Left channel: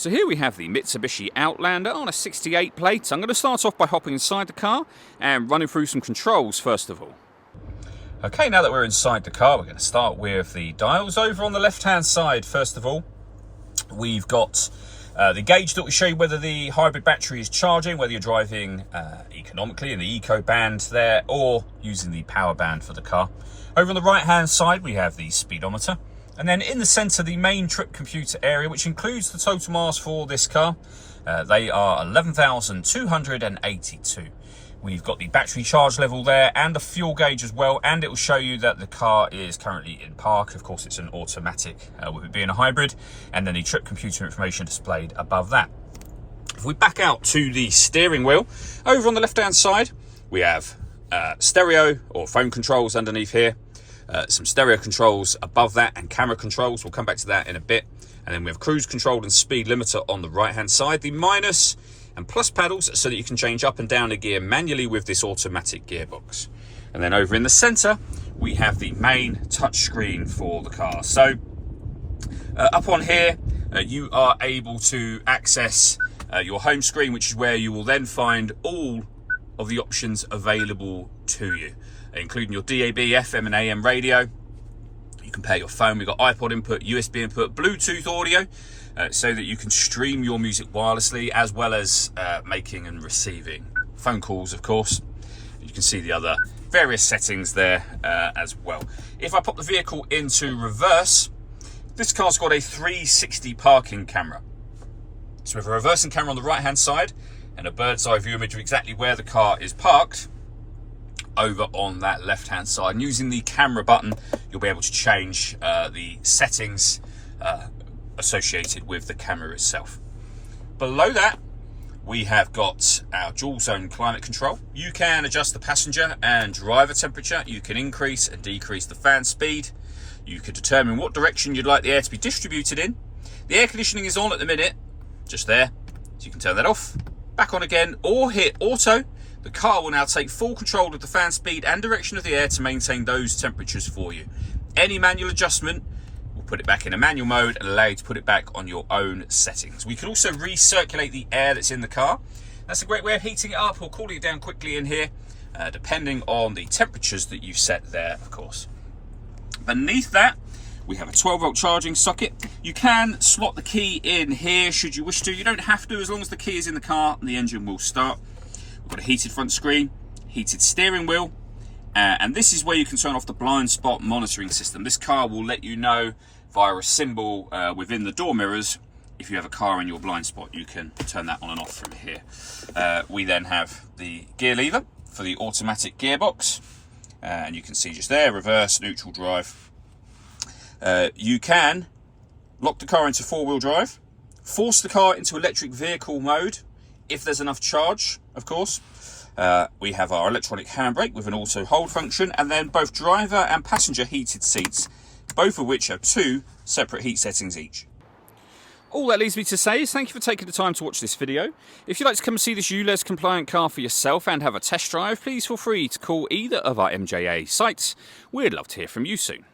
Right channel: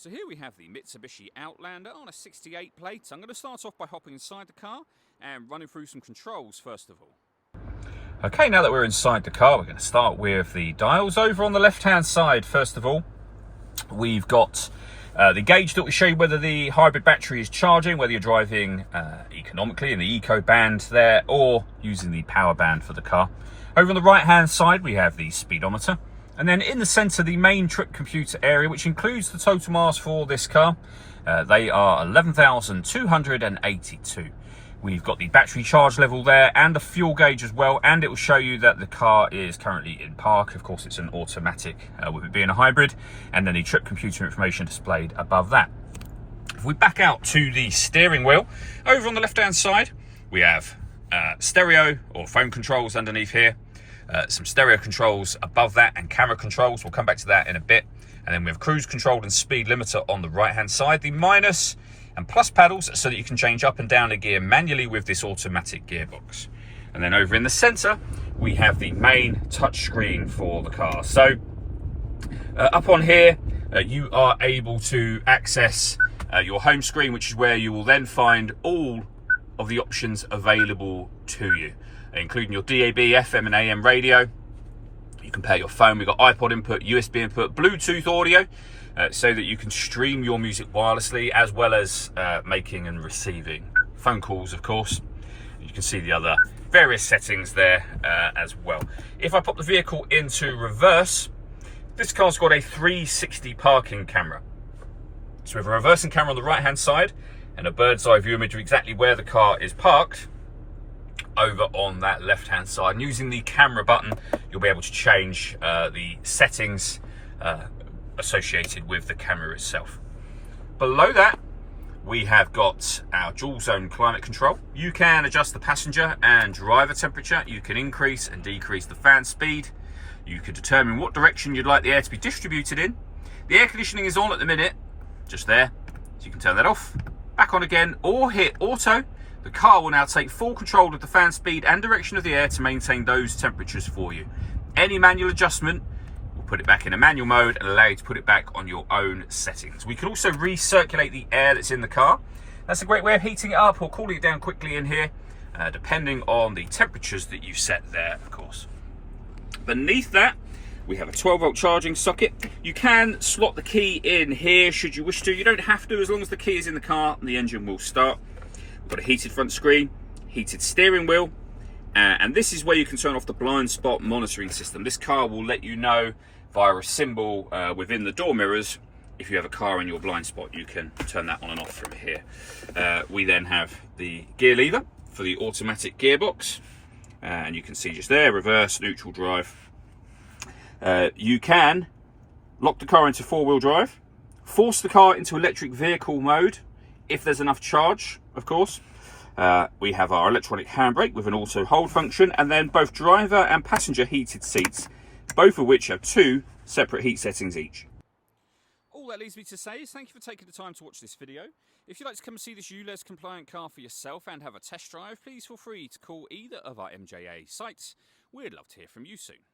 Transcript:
So here we have the Mitsubishi Outlander on a 68 plate. I'm going to start off by hopping inside the car and running through some controls first of all. Okay, now that we're inside the car, we're going to start with the dials. Over on the left-hand side, first of all, we've got the gauge that will show you whether the hybrid battery is charging, whether you're driving economically in the eco band there or using the power band for the car. Over on the right-hand side, we have the speedometer. And then in the centre, the main trip computer area, which includes the total miles for this car. They are 11,282. We've got the battery charge level there and the fuel gauge as well. And it will show you that the car is currently in park. Of course, it's an automatic with it being a hybrid. And then the trip computer information displayed above that. If we back out to the steering wheel, over on the left-hand side, we have stereo or phone controls underneath here. Some stereo controls above that and camera controls. We'll come back to that in a bit. And then we have cruise control and speed limiter on the right hand side. The minus and plus pedals so that you can change up and down a gear manually with this automatic gearbox. And then over in the center, we have the main touch screen for the car. So up on here, you are able to access your home screen, which is where you will then find all of the options available to you, including your DAB, FM and AM radio. You can pair your phone. We've got iPod input, USB input, Bluetooth audio, so that you can stream your music wirelessly, as well as making and receiving phone calls, of course. You can see the other various settings there as well. If I pop the vehicle into reverse, this car's got a 360 parking camera. So we have a reversing camera on the right hand side and a bird's eye view image of exactly where the car is parked over on that left hand side. And using the camera button, you'll be able to change the settings associated with the camera itself. Below that, we have got our dual zone climate control. You can adjust the passenger and driver temperature. You can increase and decrease the fan speed. You can determine what direction you'd like the air to be distributed in. The air conditioning is on at the minute, just there, so you can turn that off, back on again, or hit auto. The car will now take full control of the fan speed and direction of the air to maintain those temperatures for you. Any manual adjustment will put it back in a manual mode and allow you to put it back on your own settings. We can also recirculate the air that's in the car. That's a great way of heating it up or cooling it down quickly in here, depending on the temperatures that you've set there, of course. Beneath that, we have a 12-volt charging socket. You can slot the key in here should you wish to. You don't have to, as long as the key is in the car and the engine will start. We've got a heated front screen, heated steering wheel, and this is where you can turn off the blind spot monitoring system. This car will let you know via a symbol within the door mirrors if you have a car in your blind spot. You can turn that on and off from here. We then have the gear lever for the automatic gearbox, and you can see just there, reverse, neutral drive. You can lock the car into four-wheel drive, force the car into electric vehicle mode if there's enough charge, of course. We have our electronic handbrake with an auto hold function, and then both driver and passenger heated seats, both of which have two separate heat settings each. All that leaves me to say is thank you for taking the time to watch this video. If you'd like to come and see this ULEZ compliant car for yourself and have a test drive, please feel free to call either of our MJA sites. We'd love to hear from you soon.